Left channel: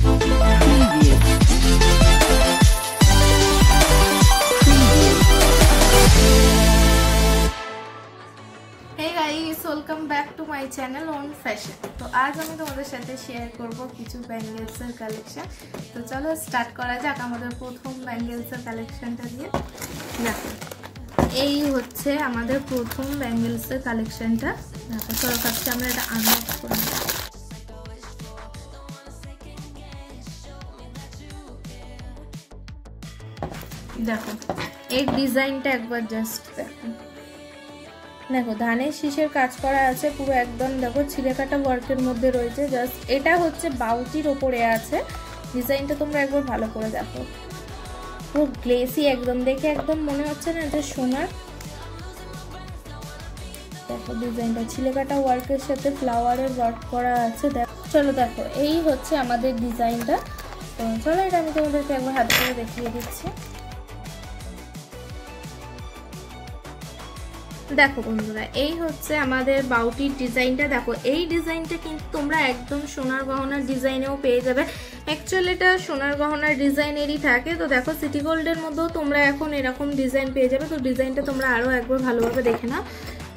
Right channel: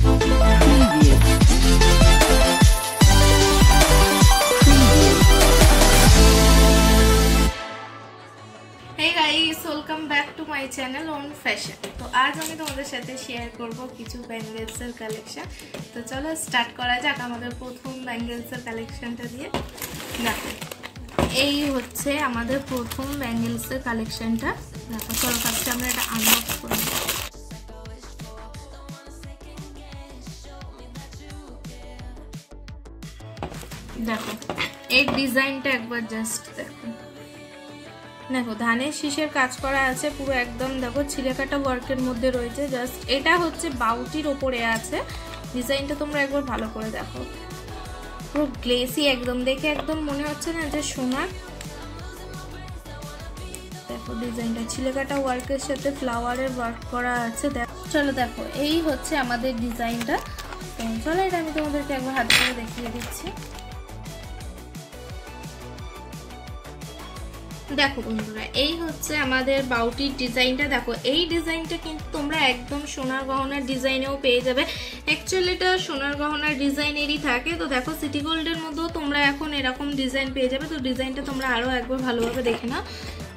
Hey guys, welcome back to my channel on fashion. तो आज আমি তোমাদের সাথে শেয়ার করব কিছু ব্যাঙ্গেলসের কালেকশন। তো চলো স্টার্ট করা যাক আমাদের প্রথম ব্যাঙ্গেলসের কালেকশনটা দিয়ে। দেখো এই হচ্ছে আমাদের প্রথম ব্যাঙ্গেলসের কালেকশনটা। দেখো চলো ফার্স্টে আমরা এটা আনবক্স করে নেব। দেখো এই ডিজাইনটা একবার জাস্ট দেখো। দেখো ধানের শীষের কাজ করা আছে পুরো একদম। দেখো ছিলেকাটা ওয়ার্কের মধ্যে রয়েছে। জাস্ট এটা হচ্ছে বাউটির ওপরে আছে। ডিজাইনটা তোমরা একবার ভালো করে দেখো, পুরো গ্লেসি একদম, দেখে একদম মনে হচ্ছে না যে সোনার। দেখো ডিজাইনটা ছিলেকাটা ওয়ার্কের সাথে ফ্লাওয়ারের ওয়ার্ক করা আছে। চলো দেখো এই হচ্ছে আমাদের ডিজাইনটা। তো চলো এটা আমি তোমাদেরকে একবার হাতে করে দেখিয়ে দিচ্ছি। দেখো বন্ধুরা এই হচ্ছে আমাদের বাউটির ডিজাইনটা। দেখো এই ডিজাইনটা কিন্তু তোমরা একদম সোনার গহনার ডিজাইনেও পেয়ে যাবে। অ্যাকচুয়ালি এটা সোনার গহনার ডিজাইনেরই থাকে। তো দেখো সিটি গোল্ডের মধ্যেও তোমরা এখন এরকম ডিজাইন পেয়ে যাবে। তো ডিজাইনটা তোমরা আরও একবার ভালোভাবে দেখে নাও।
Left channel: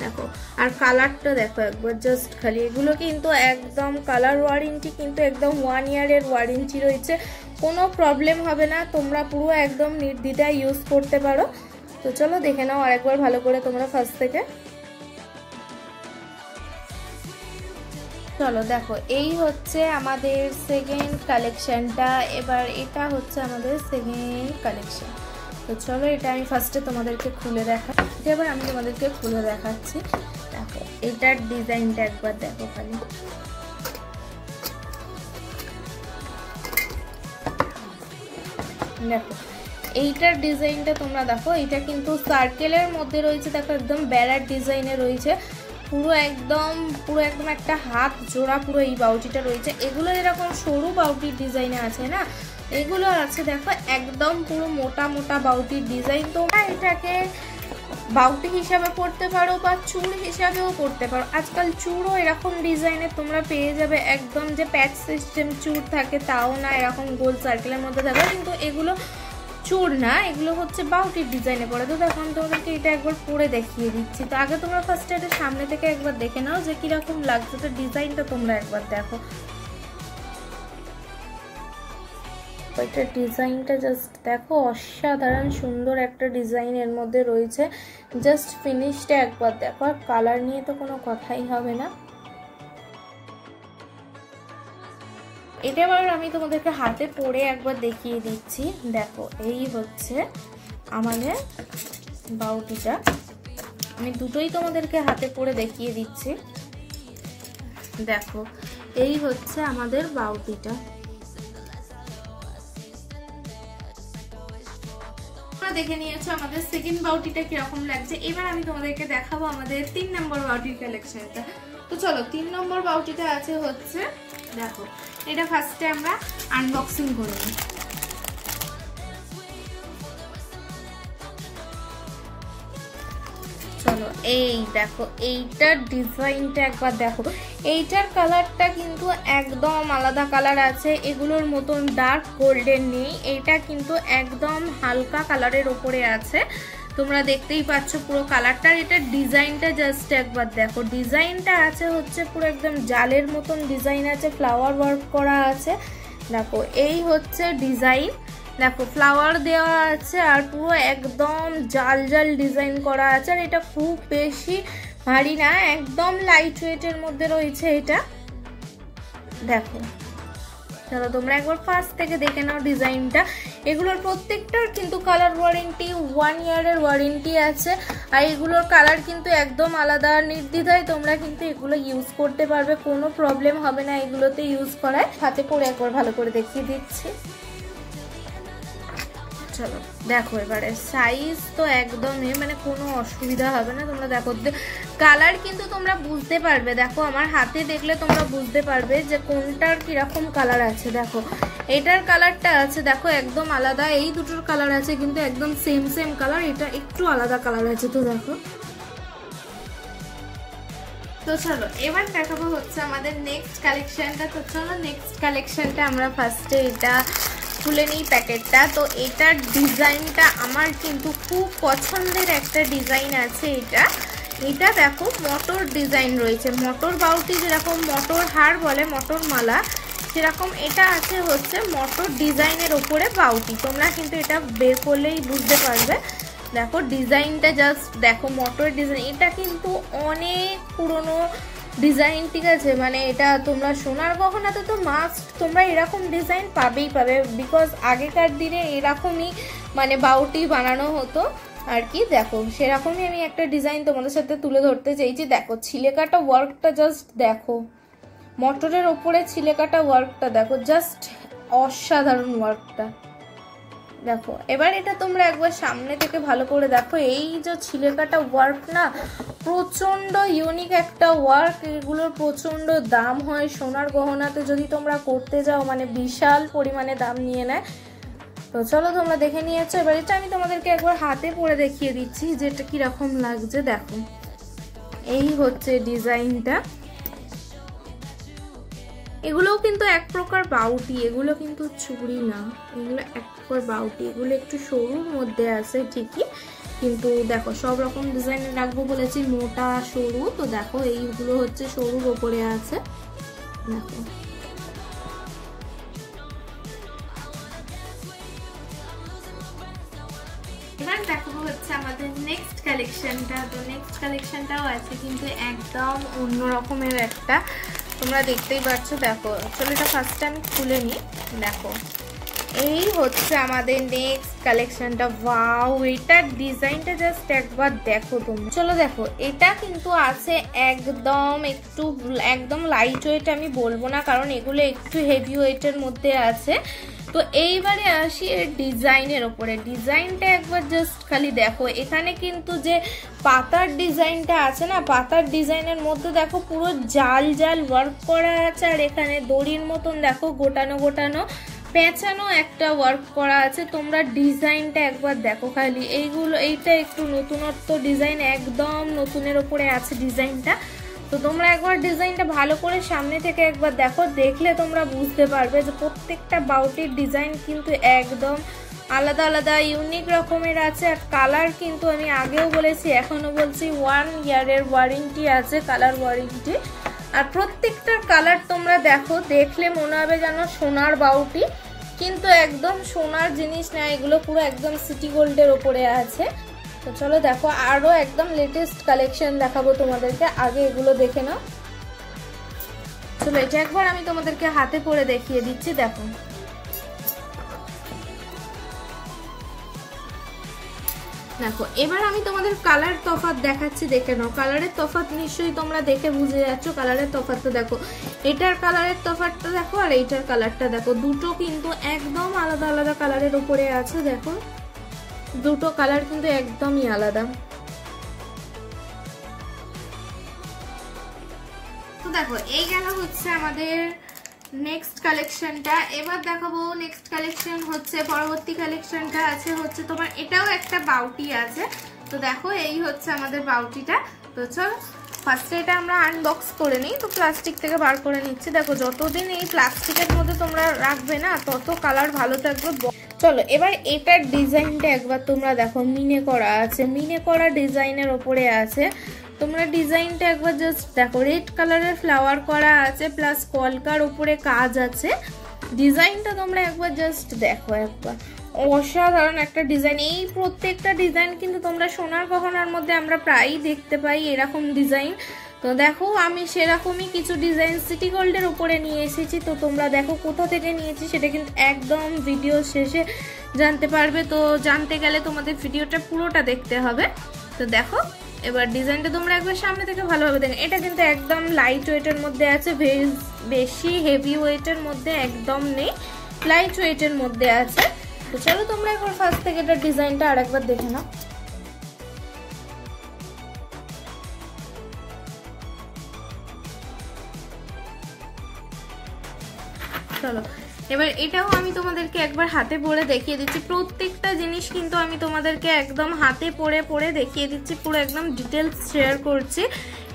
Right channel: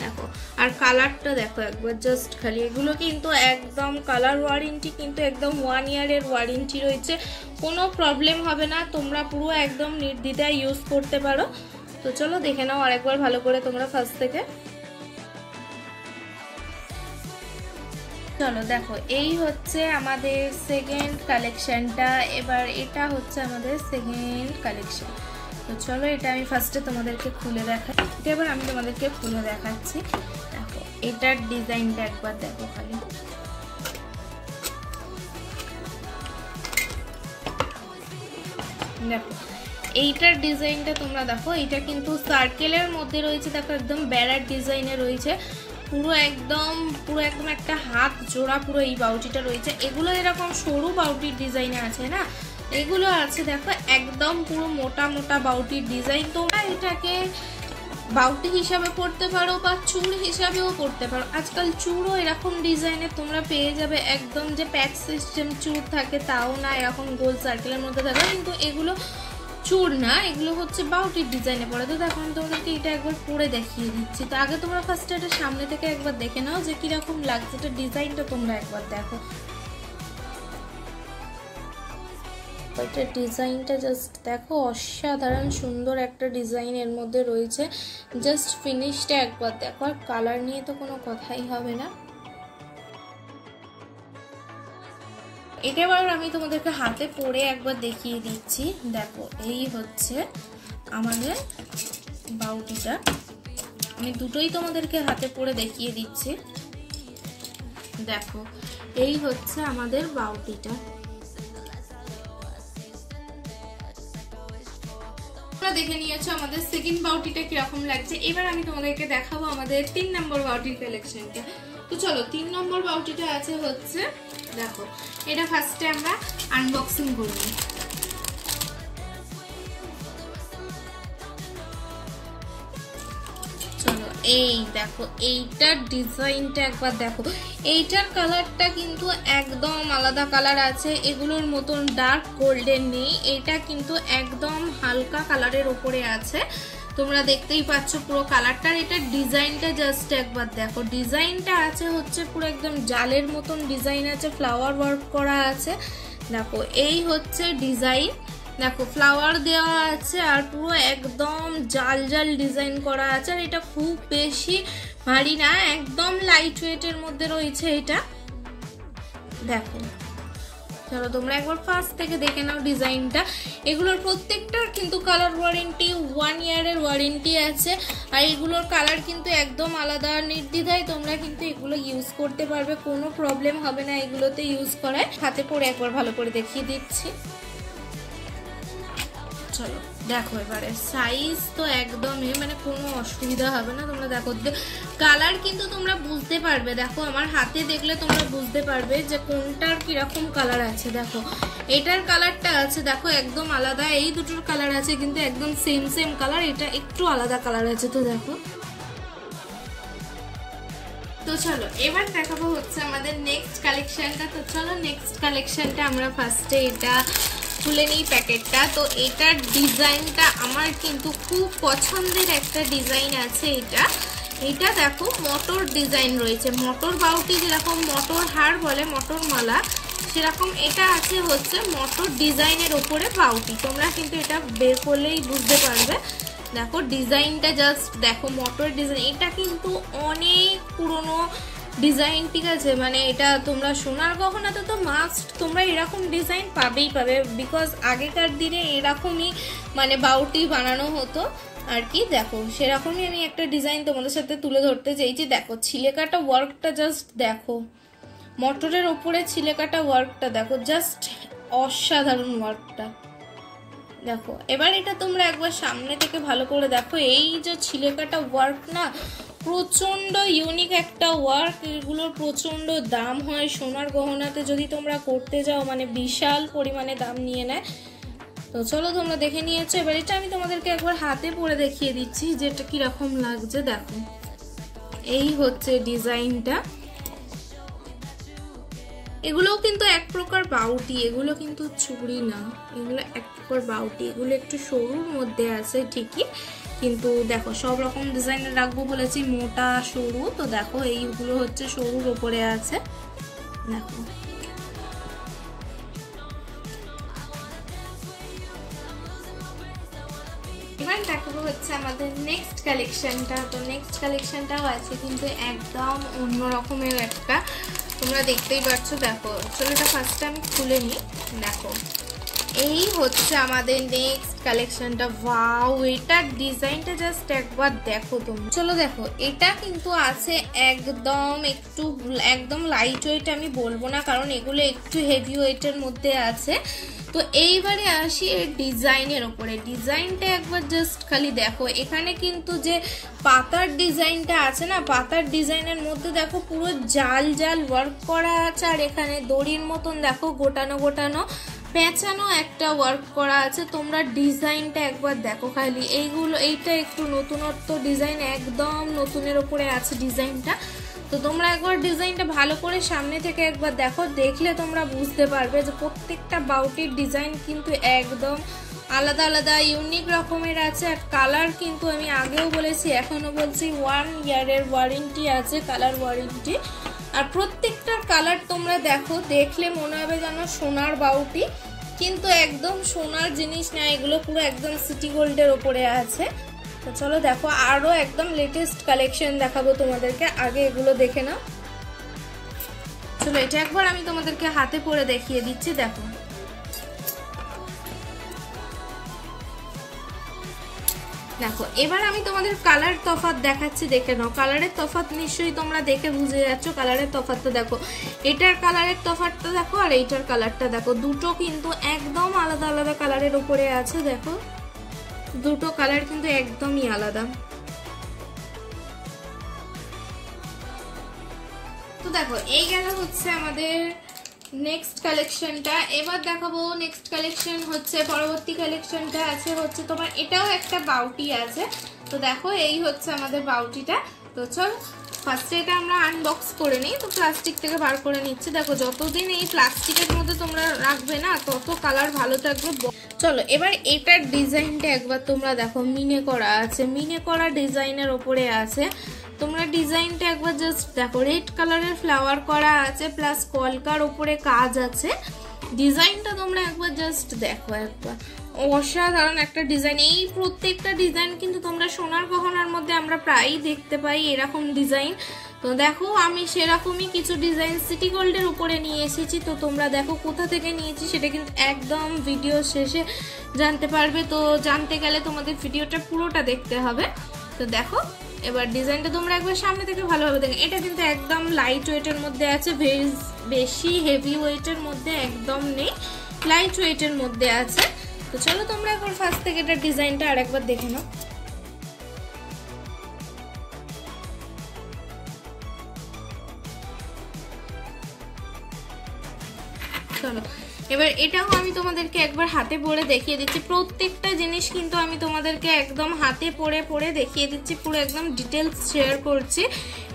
দেখো আর কালারটা দেখো একবার জাস্ট খালি। এগুলো কিন্তু একদম কালার ওয়ারেন্টি, কিন্তু একদম 1 ইয়ারের ওয়ারেন্টি রয়েছে। কোনো প্রবলেম হবে না, তোমরা পুরো একদম নির্দ্বিধায় ইউজ করতে পারো। তো চলো দেখে নাও আরেকবার ভালো করে তোমরা ফার্স্ট থেকে। চলো দেখো এই হচ্ছে আমাদের সেকেন্ড কালেকশনটা। এবার এটা হচ্ছে আমাদের সেকেন্ড কালেকশন। তো চলো এটা আমি ফার্স্টে তোমাদেরকে খুলে দেখাচ্ছি। এবার আমি তোমাদেরকে খুলে দেখাচ্ছি। দেখো এটার ডিজাইনটা একবার দেখো খালি। দেখো এইটার ডিজাইনটা তোমরা দেখো, এটা কিন্তু সার্কেলের মধ্যে রয়েছে। দেখো একদম বেড়ার ডিজাইনে রয়েছে পুরো একদম একটা হাত জোড়া পুরো এই বাউটিটা রয়েছে। এগুলো এরকম সরু বাউটির ডিজাইনে আছে না, এগুলো আছে দেখো একদম পুরো মোটা মোটা বাউটির ডিজাইন। তোমরা এটাকে বাউটি হিসাবে পড়তে পারো বা চুড় হিসাবেও পড়তে পারো। আজকাল চুড়ও এরকম ডিজাইনের তোমরা পেয়ে যাবে। একদম যে প্যাচ সিস্টেম চুড় থাকে তাও না, এরকম গোল সার্কেলের মধ্যে থাকে। কিন্তু এগুলো চুড় না, এগুলো হচ্ছে বাউটির ডিজাইনে পড়ে। তো এখন তোমাদেরকে এটা একবার পরে দেখিয়ে দিচ্ছি। তো আগে তোমরা ফার্স্টে এটা সামনে থেকে একবার দেখে নাও যে কিরকম লাগছে। এটা ডিজাইনটা তোমরা একবার দেখো। এটা ডিজাইনটা জাস্ট দেখো, অসাধারণ সুন্দর একটা ডিজাইন এর মধ্যে রয়েছে। জাস্ট ফিনিশটা একবার দেখো। আর কালার নিয়ে তো কোনো কথাই হবে না। এটা এবার আমি তোমাদেরকে হাতে পরে একবার দেখিয়ে দিচ্ছি। দেখো এই হচ্ছে আমাদের বাউটিটা। আমি দুটোই তোমাদেরকে হাতে পরে দেখিয়ে দিচ্ছি। দেখো এই হচ্ছে আমাদের বাউটিটা। দেখে নিয়েছো আমাদের সেকেন্ড বাউটিটা কিরকম লাগছে। এবার আমি তোমাদেরকে দেখাবো আমাদের 3 নম্বর বাউটির কালেকশনটা। তো চলো 3 নম্বর বাউটিটা আছে হচ্ছে, দেখো এটা ফার্স্টে আমরা আনবক্সিং করে নিই। চলো এই দেখো এইটার ডিজাইনটা একবার দেখো। এইটার কালারটা কিন্তু একদম আলাদা কালার আছে। এগুলোর মতন ডার্ক গোল্ডেন নেই, এটা কিন্তু একদম হালকা কালারের ওপরে আছে। তোমরা দেখতেই পাচ্ছ পুরো কালারটা। এটার ডিজাইনটা জাস্ট একবার দেখো। ডিজাইনটা আছে হচ্ছে পুরো একদম জালের মতন ডিজাইন আছে, ফ্লাওয়ার ওয়ার্ক করা আছে। দেখো এই হচ্ছে ডিজাইন। দেখো ফ্লাওয়ার দেওয়া আছে আর পুরো একদম জাল জাল ডিজাইন করা আছে। আর এটা খুব বেশি ভারী না, একদম লাইট ওয়েটের মধ্যে রয়েছে এটা। দেখো চলো তোমরা একবার ফার্স্ট থেকে দেখে নাও ডিজাইনটা। এগুলোর প্রত্যেকটার কিন্তু কালার ওয়ারেন্টি 1 ইয়ারের ওয়ারেন্টি আছে। আর এগুলোর কালার কিন্তু একদম আলাদা। নির্দ্বিধায় তোমরা কিন্তু এগুলো ইউজ করতে পারবে, কোনো প্রবলেম হবে না এগুলোতে ইউজ করায়। হাতে পরে একবার ভালো করে দেখিয়ে দিচ্ছি। চলো দেখো এবারে সাইজ তো একদমই মানে কোনো অসুবিধা হবে না। তোমরা দেখো কালার কিন্তু তোমরা বুঝতে পারবে। দেখো আমার হাতে দেখলে তোমরা বুঝতে পারবে যে কোনটার কিরকম কালার আছে। দেখো এটার কালারটা আছে দেখো একদম আলাদা। এই দুটোর কালার আছে কিন্তু একদম সেম কালার, এটা একটু আলাদা কালার আছে। তো দেখো তো চলো এবার দেখাবো হচ্ছে আমাদের নেক্সট কালেকশনটা। তো চলো নেক্সট কালেকশনটা আমরা ফার্স্টে এটা খুলে নিই প্যাকেটটা। তো এটার ডিজাইনটা আমার কিন্তু খুব পছন্দের একটা ডিজাইন আছে। এটা দেখো মটর ডিজাইন রয়েছে, মটর বাউটি যেরকম মটর হার বলে মটর মালা, সেরকম এটা আছে হচ্ছে মটর ডিজাইনের ওপরে বাউটি। তোমরা কিন্তু এটা বের করলেই বুঝতে পারবে। দেখো ডিজাইনটা জাস্ট দেখো, মটর ডিজাইন। এটা কিন্তু অনেক পুরনো ডিজাইন, ঠিক আছে, মানে এটা তোমরা সোনার গহনাতে তো মাস্ট তোমরা এরকম ডিজাইন পাবে, বিকজ আগেকার দিনে এরকমই মানে বাউটি বানানো হতো আর কি। দেখো সেরকমই আমি একটা ডিজাইন তোমাদের সাথে তুলে ধরতে চাইছি। দেখো ছিলেকাটা ওয়ার্কটা জাস্ট দেখো, মটরের ওপরে ছিলেকাটা ওয়ার্কটা দেখো, জাস্ট অসাধারণ ওয়ার্কটা দেখো। এবার এটা তোমরা একবার সামনে থেকে ভালো করে দেখো, এই যে ছিলেকাটা ওয়ার্ক না, প্রচন্ড ইউনিক একটা ওয়ার্ক। এগুলোর প্রচন্ড দাম হয় সোনার গহনাতে যদি তোমরা করতে যাও, মানে বিশাল পরিমাণে দাম নিয়ে নেয়। তো চলো তোমরা দেখে নিয়েছো, এবার এটা আমি তোমাদেরকে একবার হাতে পরে দেখিয়ে দিচ্ছি যে এটা কিরকম লাগছে। দেখো এই হচ্ছে ডিজাইনটা। এগুলোও কিন্তু এক প্রকার বাউটি, এগুলো কিন্তু চুড়ি না, এগুলো এক প্রকার বাউটি। এগুলো একটু সরুর মধ্যে আছে ঠিকই, কিন্তু দেখো সব রকম ডিজাইন রাখবো বলেছি, মোটা সরু। তো দেখো এইগুলো হচ্ছে সরুর ওপরে আছে। দেখো এবার দেখাবো হচ্ছে আমাদের নেক্সট কালেকশনটা। তো নেক্সট কালেকশনটাও আছে কিন্তু একদম অন্য রকমের একটা, তোমরা দেখতেই পাচ্ছ। দেখো চলো এটা ফার্স্টে আমি খুলে নিই। দেখো এই হচ্ছে আমাদের নেক্সট কালেকশনটা। ওয়াও, এটার ডিজাইনটা জাস্ট একবার দেখো তোমরা। চলো দেখো এটা কিন্তু আছে একদম লাইট ওয়েট আমি বলবো না, কারণ এগুলো একটু হেভি ওয়েটের মধ্যে আছে। তো এইবারে আসি এর ডিজাইনের ওপরে। ডিজাইনটা একবার জাস্ট খালি দেখো, এখানে কিন্তু যে পাতার ডিজাইনটা আছে না, পাতার ডিজাইনের মধ্যে দেখো পুরো জাল জাল ওয়ার্ক করা আছে, আর এখানে দড়ির মতন দেখো গোটানো গোটানো পেঁচানো একটা ওয়ার্ক করা আছে। তোমরা ডিজাইনটা একবার দেখো খালি। এইটা একটু নতুনত্ব ডিজাইন, একদম নতুনের ওপরে আছে ডিজাইনটা। তো তোমরা একবার ডিজাইনটা ভালো করে সামনে থেকে একবার দেখো, দেখলে তোমরা বুঝতে পারবে যে প্রত্যেকটা বাউটির ডিজাইন কিন্তু একদম আলাদা আলাদা ইউনিক রকমের আছে। আর কালার কিন্তু আমি আগেও বলেছি, এখনো বলছি, 1 ইয়ারের ওয়ারেন্টি আছে, কালার ওয়ারেন্টি। আর প্রত্যেকটার কালার তোমরা দেখো, দেখলে মনে হবে যেন সোনার বাউটি, কিন্তু একদম সোনার জিনিস না, এগুলো পুরো একদম সিটি গোল্ডের ওপরে আছে। তো চলো দেখো আরো একদম লেটেস্ট কালেকশন দেখাবো তোমাদেরকে, আগে এগুলো দেখে নাও। চলো এটা একবার আমি তোমাদেরকে হাতে পরে দেখিয়ে দিচ্ছি। দেখো দেখো এবার আমি তোমাদের কালার তফাৎ দেখাচ্ছি, দেখে নাও। কালারের তফাৎ নিশ্চয়ই তোমরা দেখে বুঝে যাচ্ছ। কালারের তফাৎটা দেখো, এটার কালারের তফাৎটা দেখো আর এইটার কালারটা দেখো, দুটো কিন্তু একদম আলাদা আলাদা কালারের উপরে আছে। দেখো দুটো কালার কিন্তু একদমই আলাদা। তো দেখো এই গেল হচ্ছে আমাদের নেক্সট কালেকশনটা। এবার দেখাবো নেক্সট কালেকশন হচ্ছে, পরবর্তী কালেকশনটা আছে হচ্ছে তোমার, এটাও একটা বাউটি আছে। তো দেখো এই হচ্ছে আমাদের বাউটিটা। তো চলো ফার্স্টে এটা আমরা আনবক্স করে নিই। তো প্লাস্টিক থেকে বার করে নিচ্ছি। দেখো যতদিন এই প্লাস্টিকের মধ্যে তোমরা রাখবে না, তত কালার ভালো থাকবে। চলো এবার এটার ডিজাইনটা একবার তোমরা দেখো, মিনে করা আছে, মিনে করা ডিজাইনের ওপরে আছে। তোমরা ডিজাইনটা একবার জাস্ট দেখো, রেড কালারের ফ্লাওয়ার করা আছে, প্লাস কলকার উপরে কাজ আছে। ডিজাইনটা তোমরা একবার জাস্ট দেখো, একবার অসাধারণ একটা ডিজাইন। এই প্রত্যেকটা ডিজাইন কিন্তু তোমরা সোনার গহনার মধ্যে আমরা প্রায়ই দেখতে পাই এরকম ডিজাইন। তো দেখো আমি সেরকমই কিছু ডিজাইন সিটি গোল্ডের উপরে নিয়ে এসেছি। তো তোমরা দেখো কোথা থেকে নিয়েছি সেটা কিন্তু একদম ভিডিও শেষে জানতে পারবে। তো জানতে গেলে তোমাদের ভিডিওটা পুরোটা দেখতে হবে। তো দেখো এবার ডিজাইনটা তোমরা একবার সামনে থেকে ভালোভাবে দেখো। এটা কিন্তু একদম লাইট ওয়েটের মধ্যে আছে, বেশি হেভি ওয়েটের মধ্যে একদম নেই, লাইট ওয়েটের মধ্যে আছে। তো চলো তোমরা একবার ফার্স্ট থেকে এটা ডিজাইনটা আর একবার দেখে নাও। চলো এবার এটাও আমি তোমাদেরকে একবার হাতে পরে দেখিয়ে দিচ্ছি, প্রত্যেকটা জিনিস কিন্তু আমি তোমাদেরকে একদম হাতে পরে দেখিয়ে দিচ্ছি, পুরো একদম ডিটেলস শেয়ার করছি।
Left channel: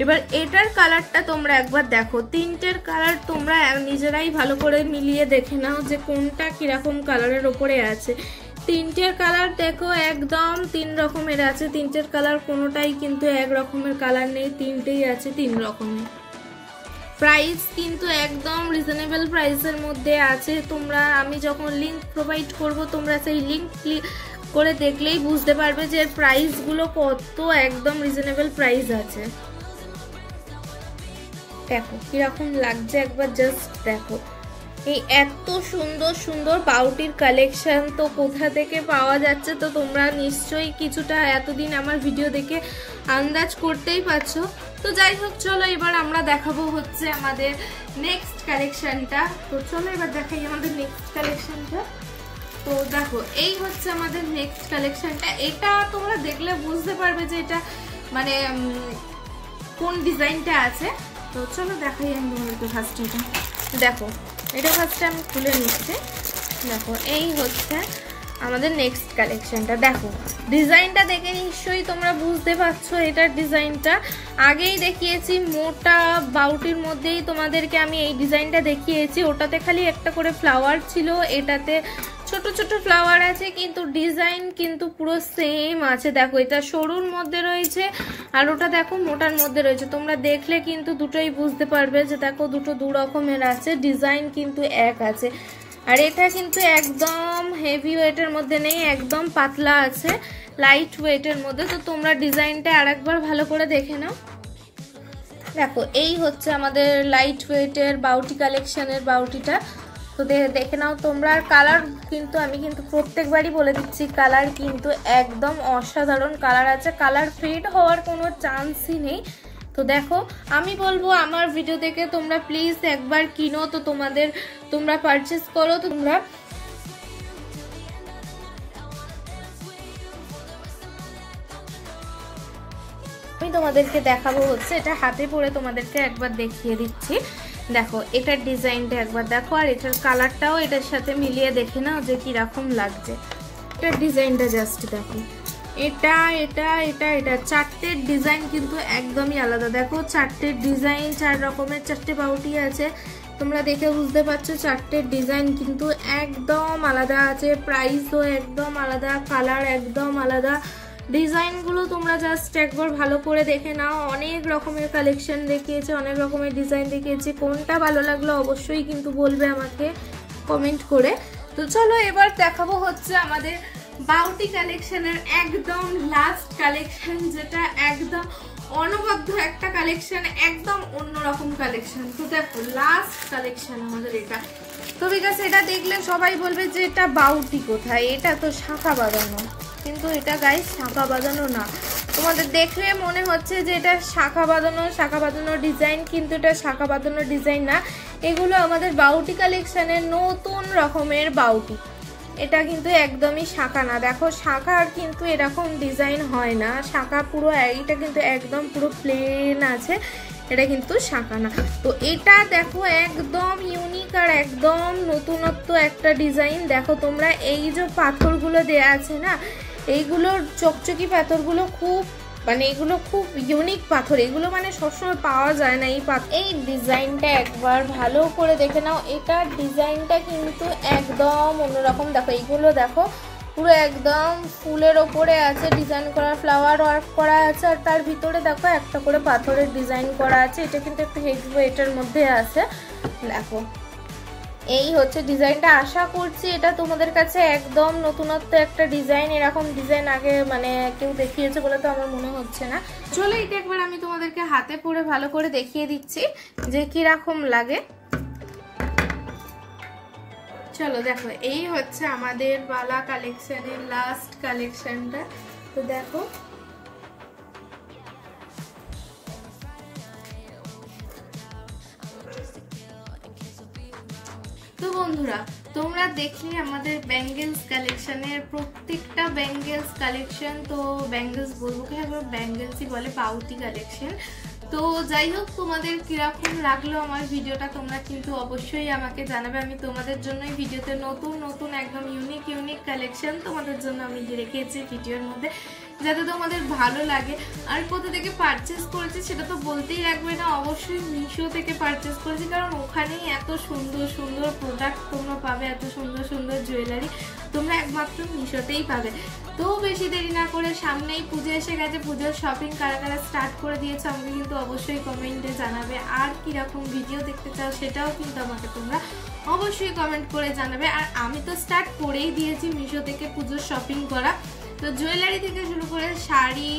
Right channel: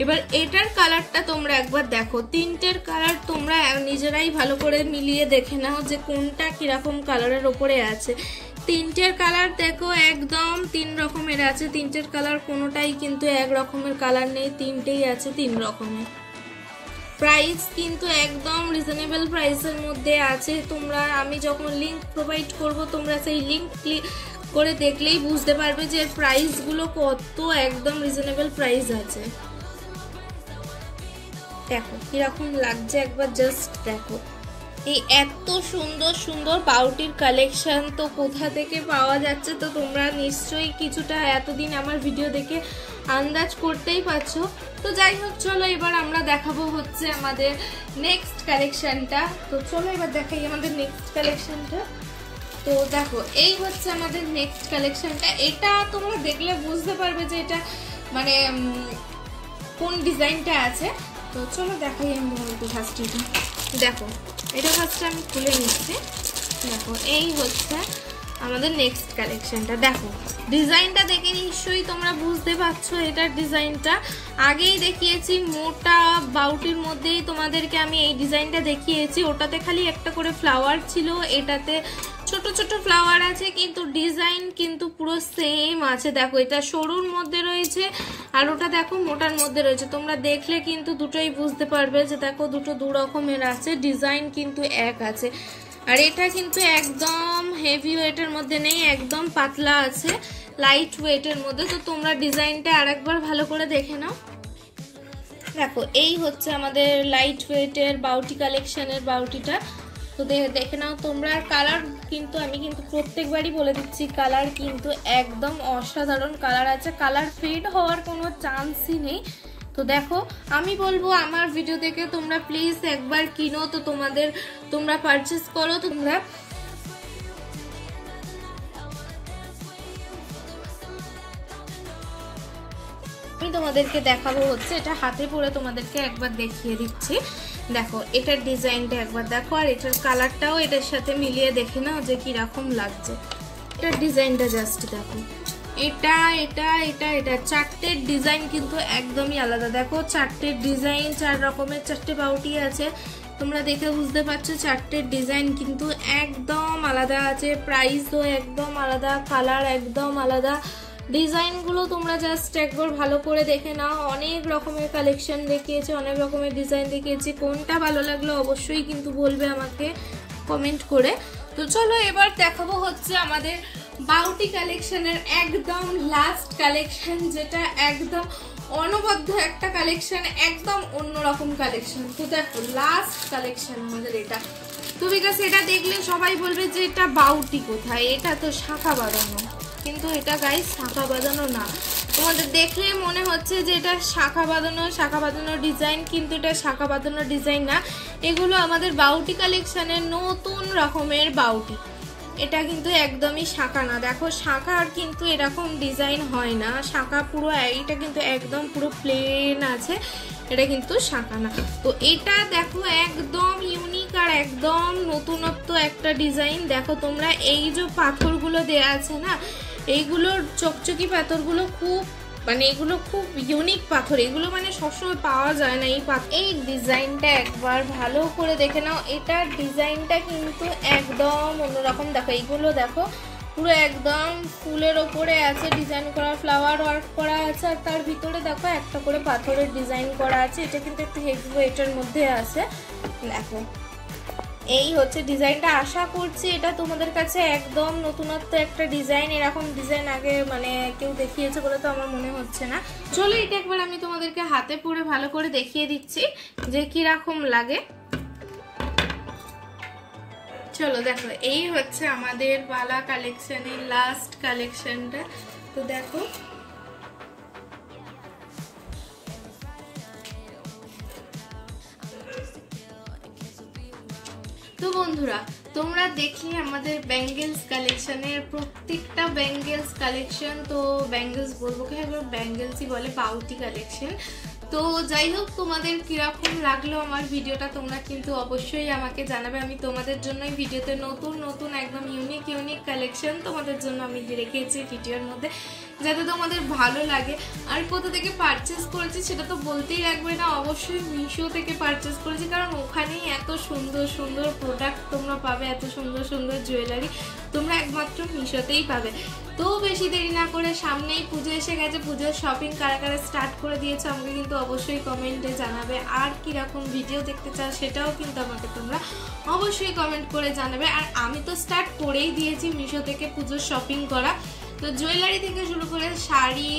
এবার এটার কালারটা তোমরা একবার দেখো, তিনটের কালার তোমরা নিজেরাই ভালো করে মিলিয়ে দেখে নাও যে কোনটা কিরকম কালারের ওপরে আছে। তিনটের কালার দেখো একদম 3 রকমের আছে, তিনটের কালার কোনোটাই কিন্তু এক রকমের কালার নেই, তিনটেই আছে 3 রকমের। প্রাইস কিন্তু একদম রিজনেবল প্রাইসের মধ্যে আছে। তোমরা আমি যখন লিংক প্রোভাইড করব তোমরা সেই লিংক ক্লিক করে দেখলেই বুঝতে পারবে যে এর প্রাইসগুলো কত একদম রিজনেবল প্রাইস আছে। দেখো কিরকম লাগছে একবার জাস্ট দেখো। এই এত সুন্দর সুন্দর পাউটির কালেকশন তো কোথা থেকে পাওয়া যাচ্ছে তো তোমরা নিশ্চয়ই কিছুটা এতদিন আমার ভিডিও দেখে আন্দাজ করতেই পারছো। তো যাই হোক চলো এবার আমরা দেখাবো হচ্ছে আমাদের নেক্সট কালেকশনটা। তো চলো এবার দেখাই আমাদের নেক্সট কালেকশনটা। তো দেখো এই হচ্ছে আমাদের নেক্সট কালেকশনটা, এটা তোমরা দেখলে বুঝতে পারবে যে এটা মানে কোন ডিজাইনটা আছে। তো চলো দেখাই আমি তোমাদেরকে ফার্স্ট। দেখো এটা ফার্স্টে আমি খুলে নিচ্ছি। দেখো এই হচ্ছে আমাদের নেক্সট কালেকশনটা। দেখো ডিজাইনটা দেখে নিশ্চয়ই তোমরা বুঝতে পারছো এটার ডিজাইনটা। আগেই দেখিয়েছি মোটা বাউটির মধ্যেই তোমাদেরকে আমি এই ডিজাইনটা দেখিয়েছি, ওটাতে খালি একটা করে ফ্লাওয়ার ছিল, এটাতে ছোট ছোট ফ্লাওয়ার আছে কিন্তু ডিজাইন কিন্তু পুরো সেম আছে। দেখো এটা সরুর মধ্যে রয়েছে আর ওটা দেখো মোটার মধ্যে রয়েছে, তোমরা দেখলে কিন্তু দুটোই বুঝতে পারবে যে দেখো দুটো দু রকমের আছে, ডিজাইন কিন্তু এক আছে। আর এটা কিন্তু একদম হেভি ওয়েটের মধ্যে নেই, একদম পাতলা আছে, লাইট ওয়েটের মধ্যে। তো তোমরা ডিজাইনটা আরেকবার ভালো করে দেখে নাও। দেখো এই হচ্ছে আমাদের লাইট ওয়েটের বাউটি কালেকশনের বাউটিটা। তো দেখে নাও তোমরা। আর কালার কিন্তু আমি কিন্তু প্রত্যেকবারই বলে দিচ্ছি কালার কিন্তু একদম অসাধারণ কালার আছে, কালার ফেড হওয়ার কোনো চান্সই নেই। তো দেখো আমি বলবো আমার ভিডিও দেখে তোমরা প্লিজ একবার কিনো, তো তোমরা পারচেস করো। তোমরা আমি তোমাদেরকে দেখাবো হচ্ছে এটা হাতে পরে তোমাদেরকে একবার দেখিয়ে দিচ্ছি। দেখো এটার ডিজাইনটা একবার দেখো আর এটার কালারটাও এটার সাথে মিলিয়ে দেখে নাও যে কিরকম লাগছে। এটার ডিজাইনটা জাস্ট দেখো, এটা এটা এটা এটা চারটের ডিজাইন কিন্তু একদমই আলাদা। দেখো চারটের ডিজাইন, 4 রকমের 4টে বাউটি আছে, তোমরা দেখে বুঝতে পারছো চারটের ডিজাইন কিন্তু একদম আলাদা আছে, প্রাইসও একদম আলাদা, কালার একদম আলাদা। ডিজাইনগুলো তোমরা জাস্ট একবার ভালো করে দেখে নাও। অনেক রকমের কালেকশন দেখিয়েছে, অনেক রকমের ডিজাইন দেখিয়েছে, কোনটা ভালো লাগলো অবশ্যই কিন্তু বলবে আমাকে কমেন্ট করে। তো চলো এবার দেখাবো হচ্ছে আমাদের বাউটি কালেকশনের একদম লাস্ট কালেকশন, যেটা একদম অনবদ্য একটা কালেকশন, একদম অন্যরকম কালেকশন। তো দেখো লাস্ট কালেকশন আমাদের এটা। তো বিকজ এটা দেখলে সবাই বলবে যে এটা বাউটি কোথায়, এটা তো শাঁখা বাঁধানো, কিন্তু এটা গাইস শাঁখা বাঁধানো না। তোমাদের দেখলে মনে হচ্ছে যে এটা শাঁখা বাঁধানো ডিজাইন, কিন্তু এটা শাঁখা বাঁধানো ডিজাইন না, এগুলো আমাদের বাউটি কালেকশনের নতুন রকমের বাউটি। এটা কিন্তু একদমই শাঁখা না। দেখো শাঁখার কিন্তু এরকম ডিজাইন হয় না, শাঁখা পুরো এইটা কিন্তু একদম পুরো প্লেন আছে, এটা কিন্তু শাঁখা না। তো এটা দেখো একদম ইউনিক আর একদম নতুনত্ব একটা ডিজাইন। দেখো তোমরা এই যে পাথরগুলো দেয়া আছে না, এইগুলোর চকচকি পাথরগুলো খুব মানে এগুলো খুব ইউনিক পাথর, এগুলো মানে সবসময় পাওয়া যায় না এই পাথর। এই ডিজাইনটা একবার ভালো করে দেখে নাও, এটার ডিজাইনটা কিন্তু একদম অন্যরকম। দেখো এইগুলো দেখো পুরো একদম ফুলের ওপরে আছে ডিজাইন করা, ফ্লাওয়ার ওয়ার্ক করা আছে, আর তার ভিতরে দেখো একটা করে পাথরের ডিজাইন করা আছে। এটা কিন্তু একটু হেভি ওয়েটের মধ্যে আছে। দেখো এই হচ্ছে ডিজাইনটা, আশা করছি এটা তোমাদের কাছে একদম নতুনত্ব একটা ডিজাইন। এরকম ডিজাইন আগে মানে কেউ দেখিয়েছে বলে তো আমার মনে হচ্ছে না। চলো এটা একবার আমি তোমাদেরকে হাতে পরে ভালো করে দেখিয়ে দিচ্ছি যে কিরকম লাগে। চলো দেখো এই হচ্ছে আমাদের বালা কালেকশনের লাস্ট কালেকশনটা। তো দেখো তো বন্ধুরা তোমরা দেখলে আমাদের ব্যাঙ্গেলস কালেকশনের প্রত্যেকটা ব্যাঙ্গেলস কালেকশন, তো ব্যাঙ্গেলস বলবো কি, ব্যাঙ্গেলসই বলে, বাউটি কালেকশন। তো যাই হোক, তোমাদের কিরকম লাগলো আমার ভিডিওটা তোমরা কিন্তু অবশ্যই আমাকে জানাবে। আমি তোমাদের জন্যই ভিডিওতে নতুন নতুন একদম ইউনিক কালেকশন তোমাদের জন্য আমি রেখেছি ভিডিওর মধ্যে, যাতে তোমাদের ভালো লাগে। আর কোথা থেকে পারচেস করেছি সেটা তো বলতেই লাগবে না, অবশ্যই মিশো থেকে পারচেস করেছি, কারণ ওখানেই এত সুন্দর সুন্দর প্রোডাক্ট তোমরা পাবে, এত সুন্দর সুন্দর জুয়েলারি তোমরা একমাত্র মিশোতেই পাবে। তো বেশি দেরি না করে, সামনেই পুজো এসে গেছে, পুজোর শপিং কারা কারা স্টার্ট করে দিয়েছো আমাকে কিন্তু অবশ্যই কমেন্টে জানাবে। আর কীরকম ভিডিও দেখতে চাও সেটাও কিন্তু আমাকে তোমরা অবশ্যই কমেন্ট করে জানাবে। আর আমি তো স্টার্ট করেই দিয়েছি মিশো থেকে পুজোর শপিং করা। তো জুয়েলারি থেকে শুরু করে শাড়ি,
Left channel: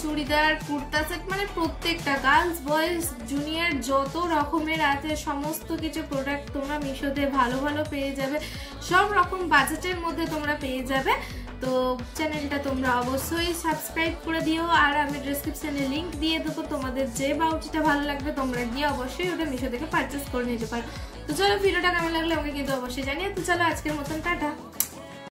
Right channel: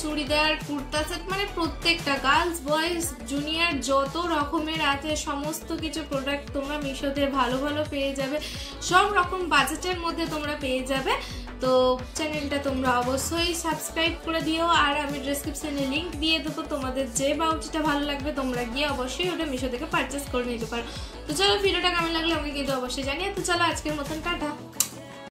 চুড়িদার, কুর্তা সেট, মানে প্রত্যেকটা গার্লস বয়েজ জুনিয়র যত রকমের আছে সমস্ত কিছু প্রোডাক্ট তোমরা মিশোতে ভালো ভালো পেয়ে যাবে, সব রকম বাজেটের মধ্যে তোমরা পেয়ে যাবে। তো চ্যানেলটা তোমরা অবশ্যই সাবস্ক্রাইব করে দিও, আর আমি ডেসক্রিপশনে লিঙ্ক দিয়ে দেবো, তোমাদের যে বাউটিটা ভালো লাগবে তোমরা গিয়ে অবশ্যই ওটা মিশো থেকে পারচেস করে নিতে পারো। তো চলো, ভিডিওটা কেমন লাগলো আমাকে কিন্তু অবশ্যই জানিয়ে। তো চলো, আজকের মতন টাটা।